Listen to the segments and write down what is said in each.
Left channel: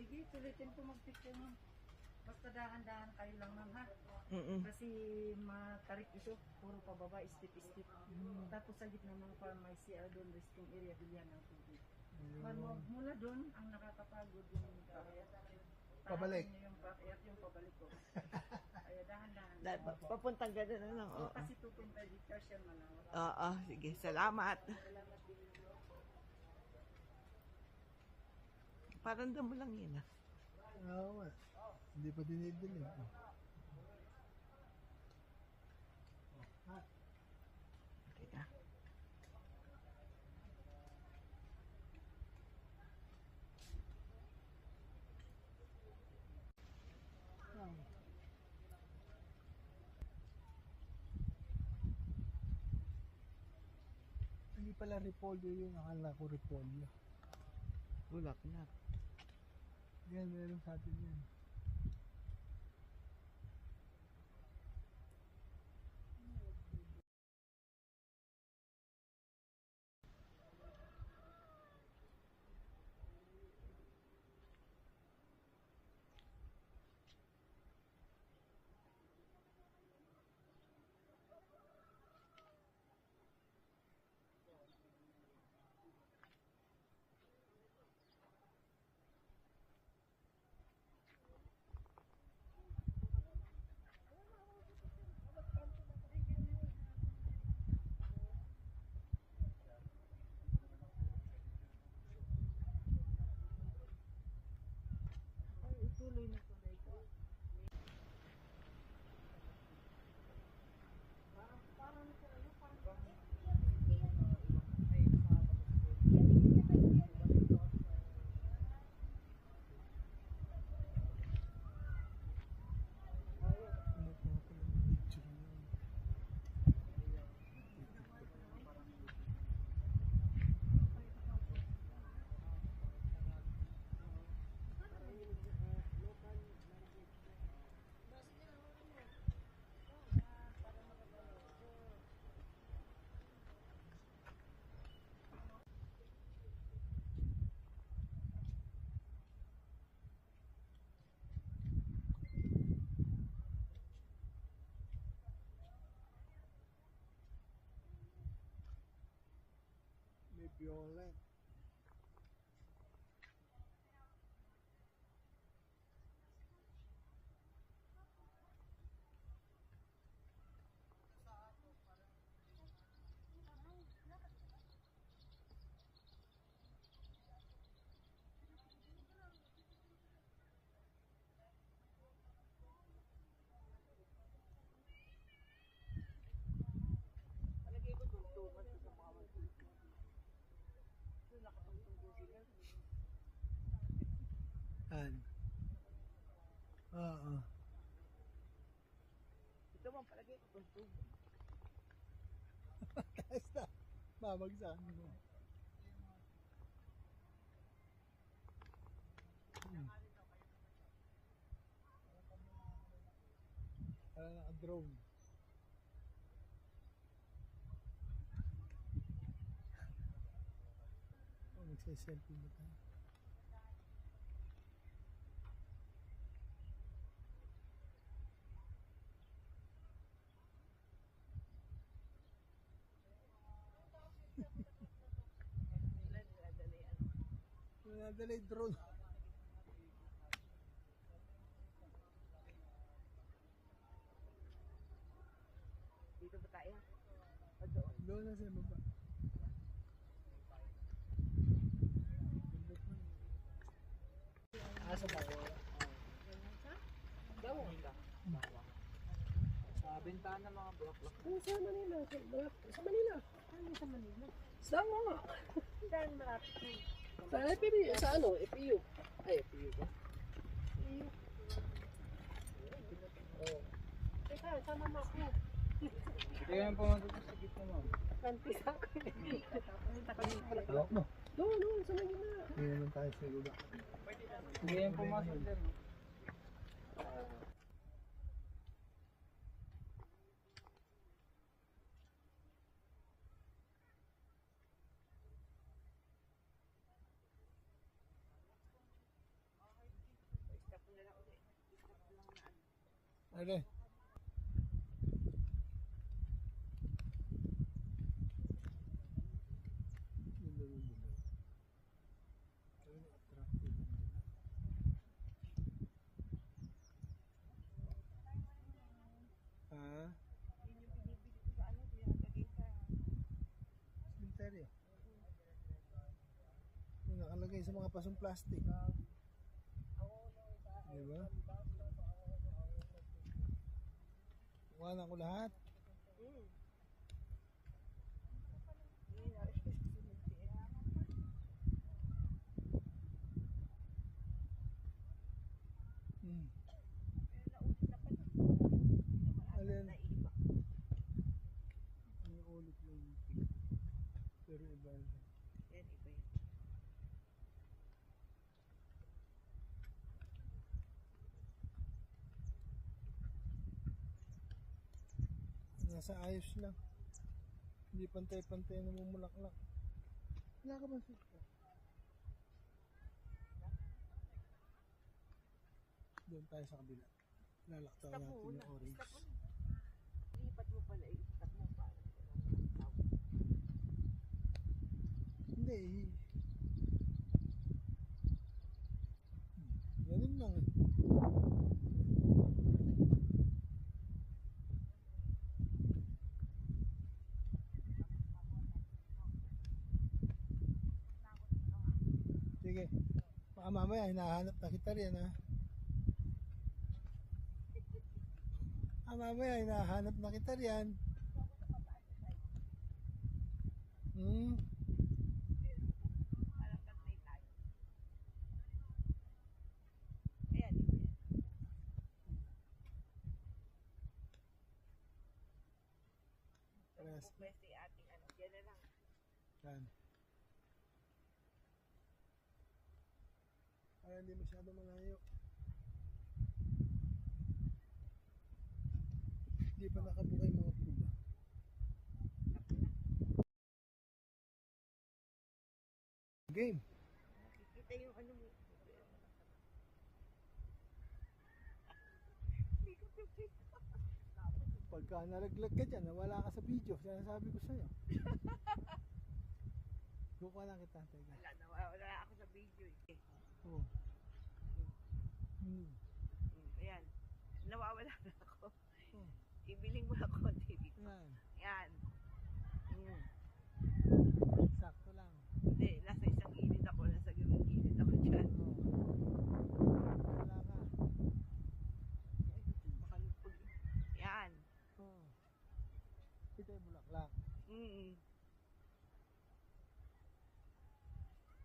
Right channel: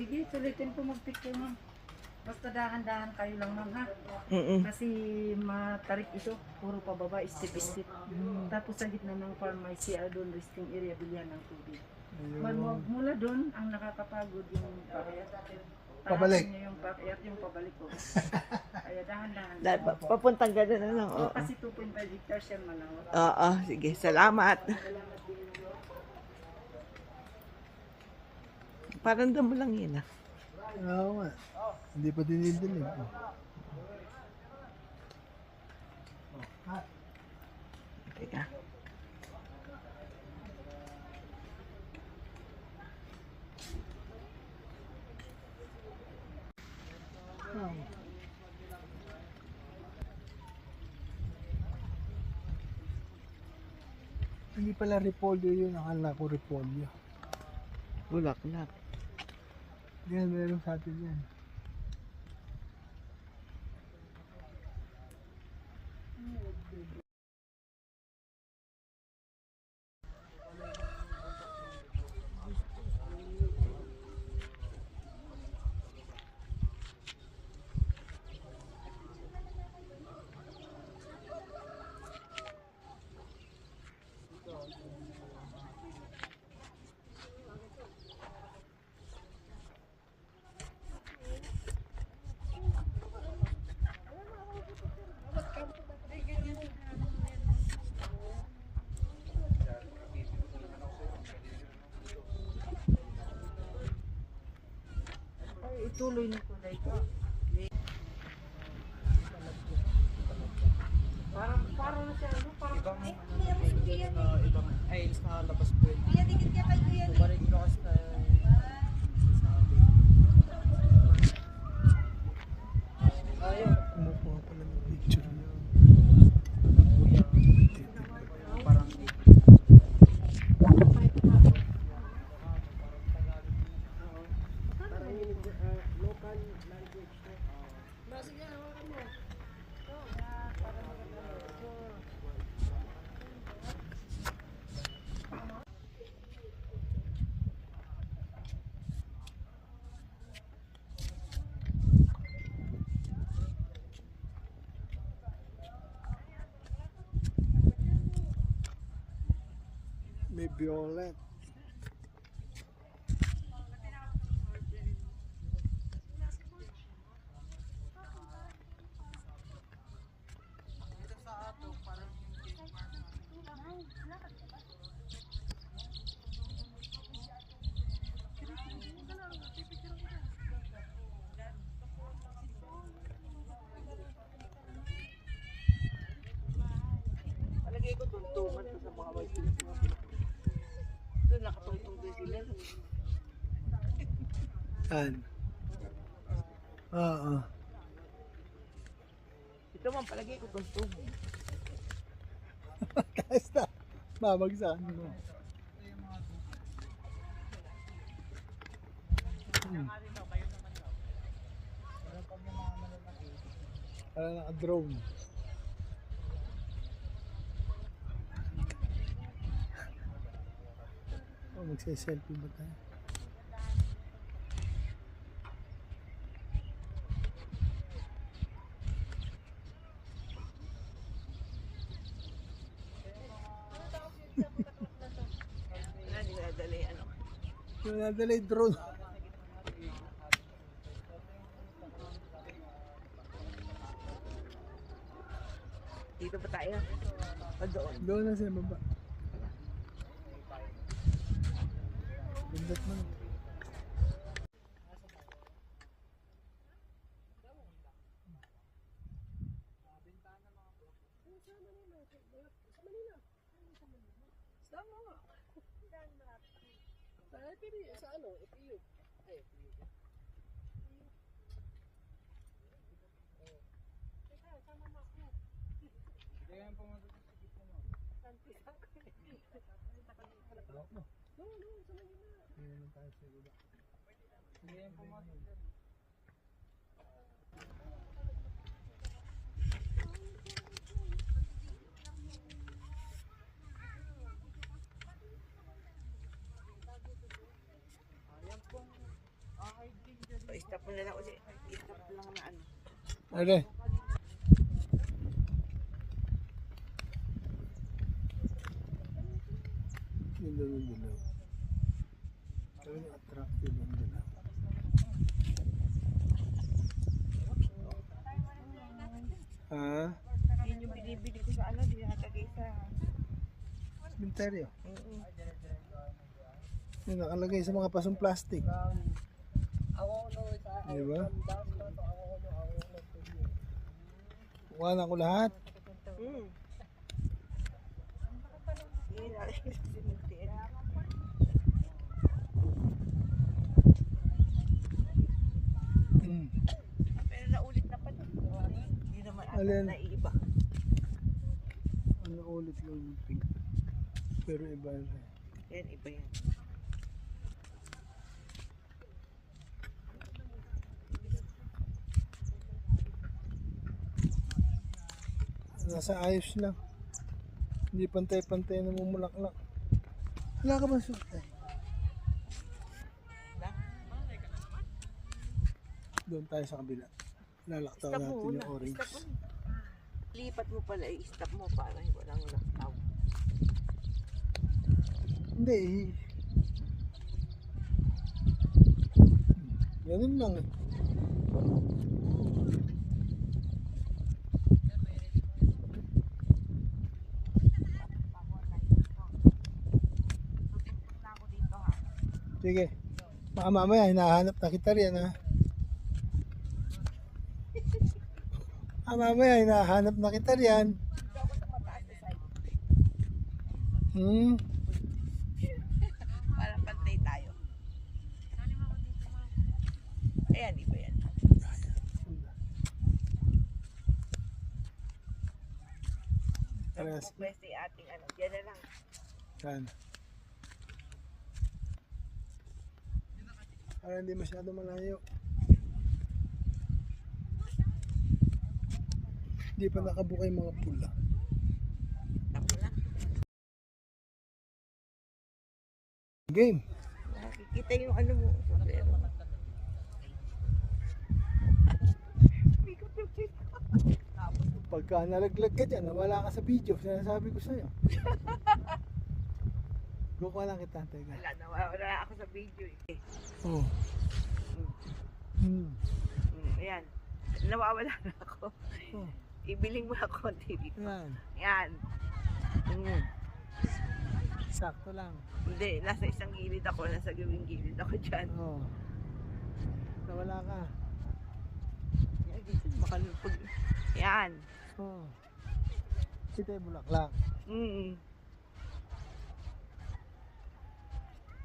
Sige, sulitin ko mag-picture ma'am. Basta dahan-dahan kayo lang ma'am ha. Kasi matarik ito, puro pababa, step-step. Tapos sa gitna ng farm may CR doon, resting area, bilihan ng tubig. Mula doon, ang nakakapagod yung paakyat. Pabalik. Niya yung paakyat, yung pabalik ko. Kaya dahan-dahan. Papuntang gano'n ano. Oo. Kasi 2.5 hectares yan malawak. Oo, sige. Salamat. Parang damo lang yun ah. Oo nga. Hindi pa dinidilig. Teka. Hindi pala repolyo yun. Akala ko repolyo. Bulaklak. Yan, meron sa atin yan. Ituloy na ko na ito. Parang na siya, ano? Parang Ibang ay sa labas po yun. Balik lakas na Kumukuha pala ng picture niya. parang May violet. Palagay ko tuntungan sa mga white pillars. Doon nakatungtong doon sila. Saan? Oo. Ito man palagay ko tuntungan. Kahit na. Babagsakan mo. Parang naka-drone. Oh, magse-selfie ba tayo? Wala, di ko nadali ano. Nadala yung drone. Dito pa tayo. O doon. Doon na sa baba. Pindot mo. bentahan ng mga bulaklak. Sa Manila. Sa Manila. Sa Manila. Saan mo nga? Saan marami? Sa FPU. Sa ano? FPU. Ay, FPU ba? FPU. Teka, sama mo ako. Hindi ka pumunta sa gitna mo. Kantis ako. Hawak mo. Doon, sa Manila. Hindi naman tayo sa baba. Hindi ka pumasok dyan. Ayan pong I-stop mo na lang ulit. I-stop lang na ano. Ano? Ganda ng dilaw. Talagang attractive ang dilaw. Ha? Yun yung binibili ko sa ano, dinatagay sa... Cementerio. Oo. Yung nakalagay sa mga pasong plastic. Di ba? Kuha na ko lahat. Hmm. Yun, alay sa cemetery. Pero naulit na pa doon. Hindi naman Alin? naiiba. Ano ulit yung pink. Pero iba na. Yan, iba yan. Nasa ayos lang. Hindi pantay-pantay na mumulaklak. Wala ka ba suot eh? Doon tayo sa kabila. Lalaktaw Stop natin mo yung muna. orange. Stop mo. Lipat mo pala, i-stop mo para walang laktaw. Hindi eh. Ganun lang eh. Sige. Baka mamaya hinahanap na kita riyan ha. Baka mamaya hinahanap na kita riyan. Para pantay tayo. Ayan, iba yan. Parehas. Pwede yung ating ano, dyan na lang. Yan. Para hindi masyado malayo. Hindi pa nakabuka yung mga pula. Tapos na. Game. Nakikita yung ano mo. Sombrero. Pagka nalaglag ka dyan, nawala ka sa video, sinasabi ko sa'yo. Buka lang kita, teka. Wala, nawawala ako sa video eh. Oh. Ayan. Nawawala na ako. Oh. Ibiling mo na konti dito. Yan. Yan. Sakto lang. Hindi, nasa isang gilid ako, nasa gawing gilid ako dyan. Oh. Nawala ka. Yan, dito, makalupag. Yan. Oh. Kita yung bulaklak.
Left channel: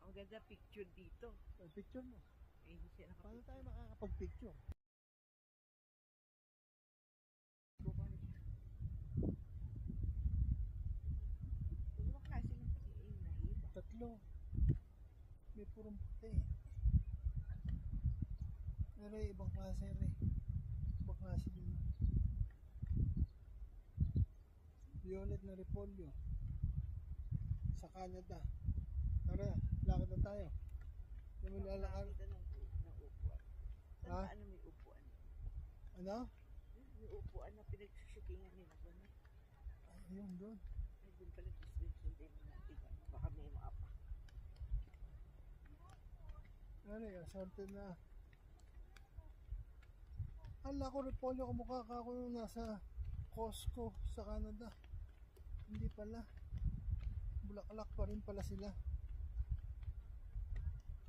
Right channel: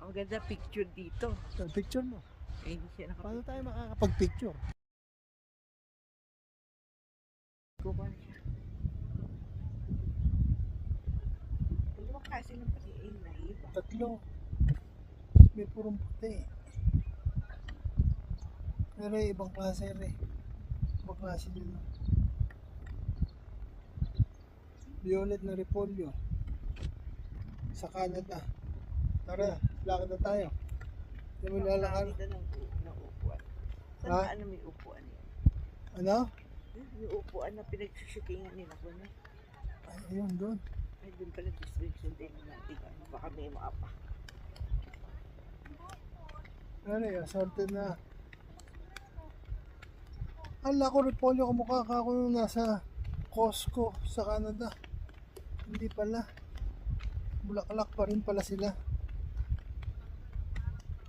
Ang ganda picture dito. So, picture mo. Eh, hindi siya Paano nakapicture. tayo makakapag-picture? Kukuha na siya. Dalawang klase ng pati eh, naiba. Tatlo. May purong puti. Pero ibang klase rin. Ibang klase din. Violet na repolyo. Sa Canada. Tara, lakad na tayo. Hindi mo lalakad. Dito ng upuan. Saan Ha? ba ano may upuan yan? Ano? May upuan na pinagsushootingan nila ko na. Ay, ayun doon. Ay, doon pala distribution din natin. Baka may maapa. Ano yun, assorted na. Ala ko repolyo, kumukha ka ako nung nasa Costco sa Canada. Hindi pala. Bulaklak pa rin pala sila.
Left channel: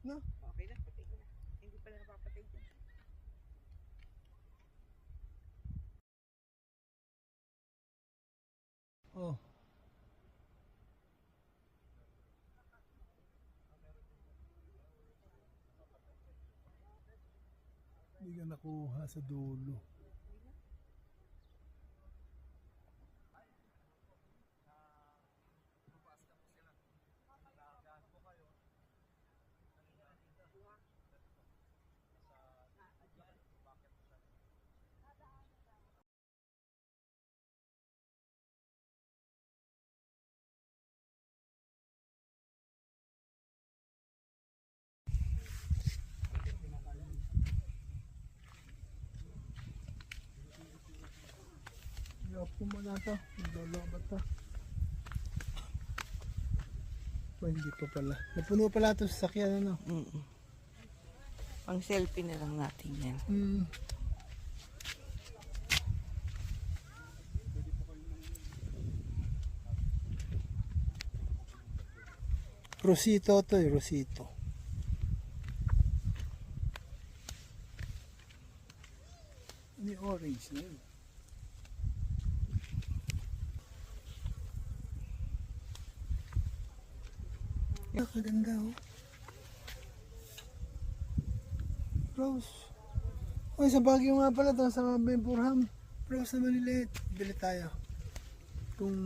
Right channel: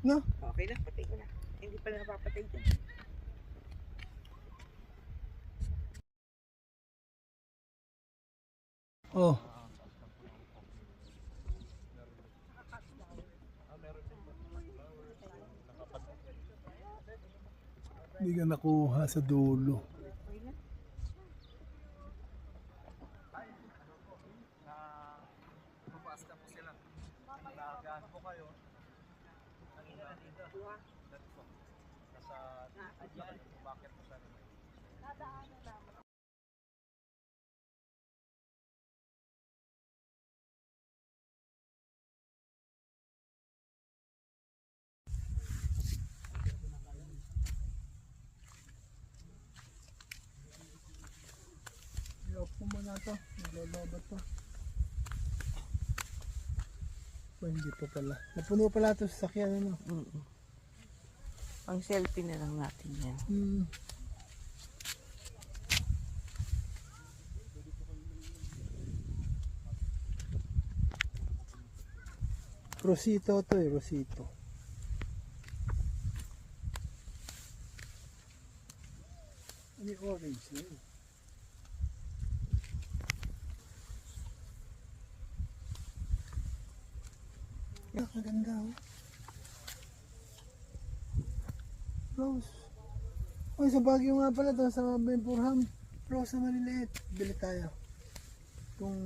No? Okay lang, patay ko na. Hindi pala napapatay dyan. Oh. Hindi ka nakuha sa dulo. na to. Naglolobat to. Oh, hindi pa pala. Napuno pala ito sa sakyan, ano? Pang selfie na lang natin yan. Rosito to eh, Rosito. Ano yung orange na yun? Kaganda oh. Rose. Ay, sa Baguio nga pala to, sa Benpurham. Rose na maliliit. Bili tayo. Kung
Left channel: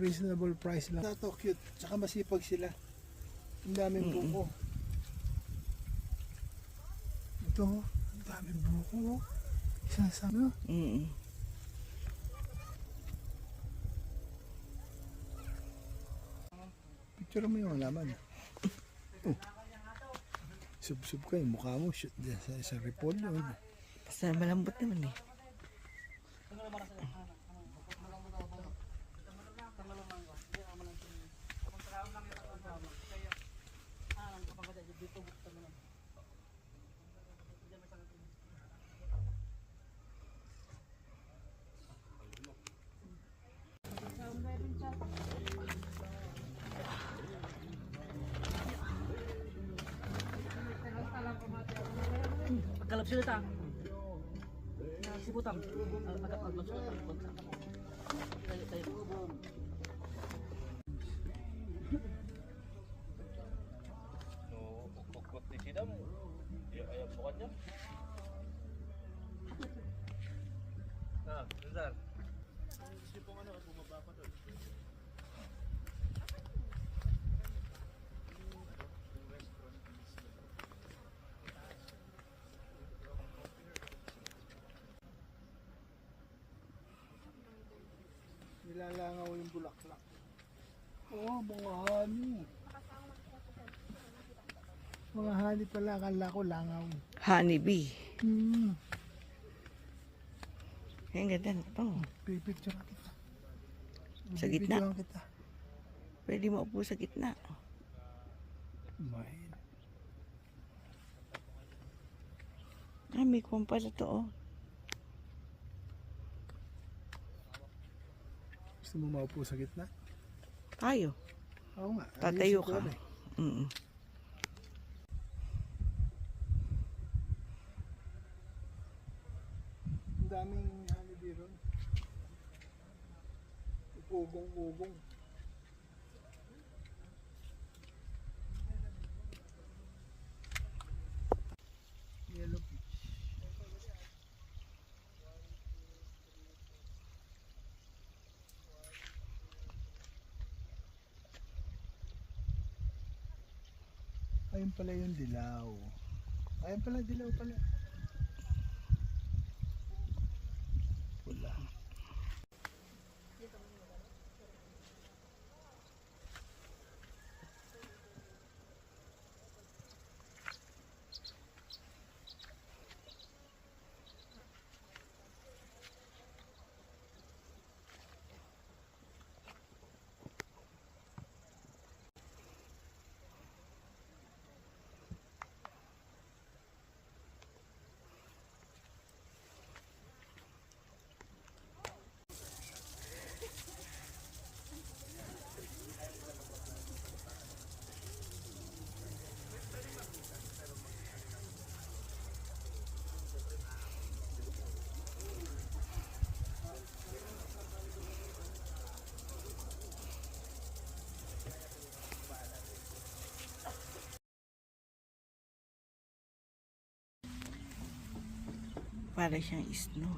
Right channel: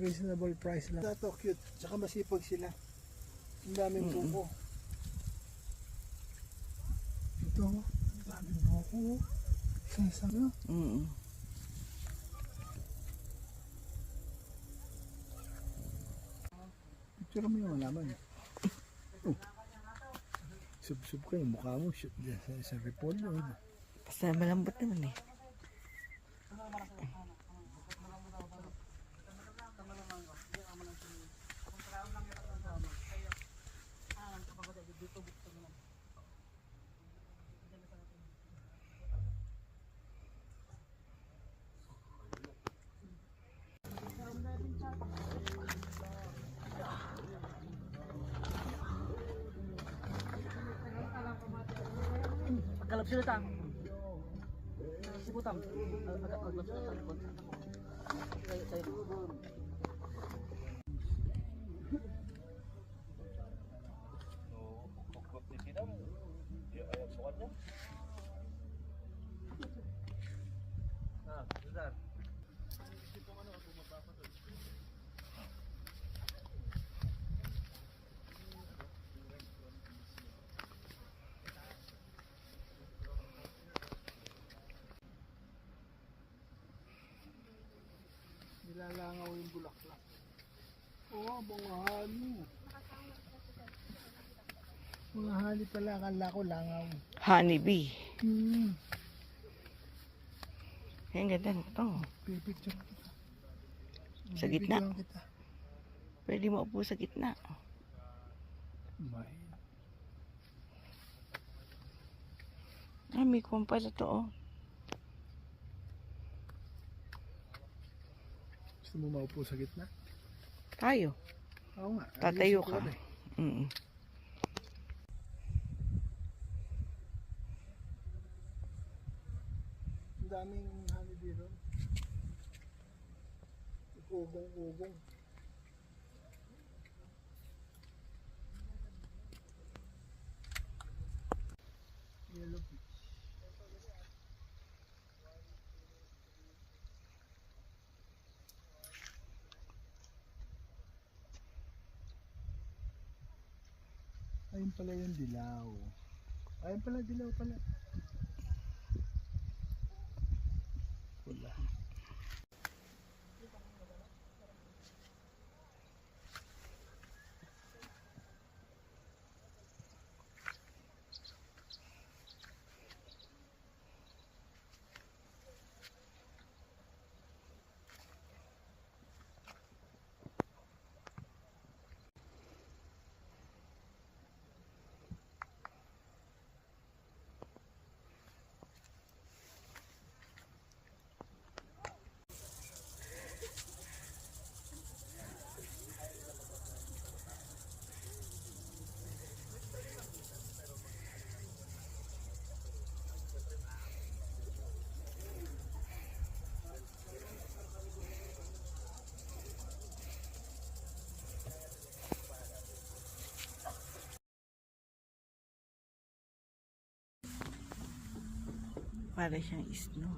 reasonable price lang. Ito, cute. Tsaka masipag sila. Ang daming buko. Ito, ang daming buko. Isang sabi mo. Picture mo yung halaman. Oh. Sub-sub ka yung mukha mo. Shoot dyan sa repolyo. Basta malambot naman eh. Pagkalap sila ta. Sibutang. Agak pagkalap sila ta. Tayo. Nilalangaw yung bulaklak. Oh, mga hali. Mga hali pala, akala ko langaw. Honeybee. Ang ganda nito. Pipicture kita. Sa gitna. Pipicturean kita. Pwede mo upo sa gitna. May. May kuwan pala to oh. Gusto mo maupo sa gitna? Tayo. Oo nga. Tatayo ayusin ko ka. rin. Ang daming honeybee ron. Ugong-ugong. Yellow peach. Ayun pala yung dilaw. Ayun pala, dilaw pala. Pula. Para siyang snow.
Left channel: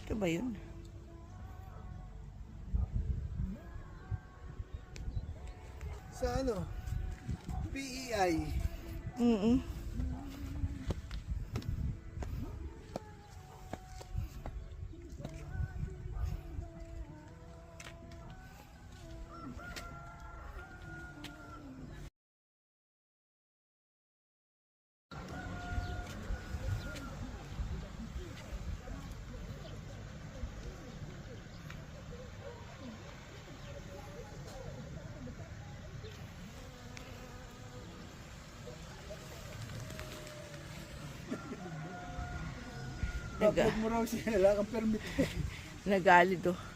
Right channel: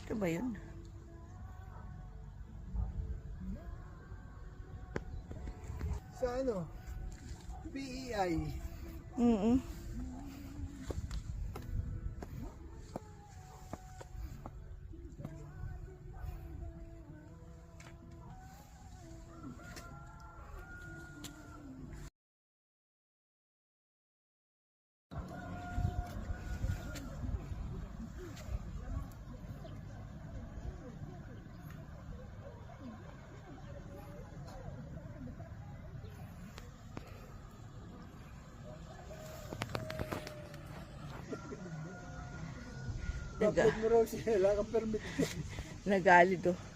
Ito ba yun? Sa ano? PEI. Upload mo raw siya, wala kang permit. Nagalit oh.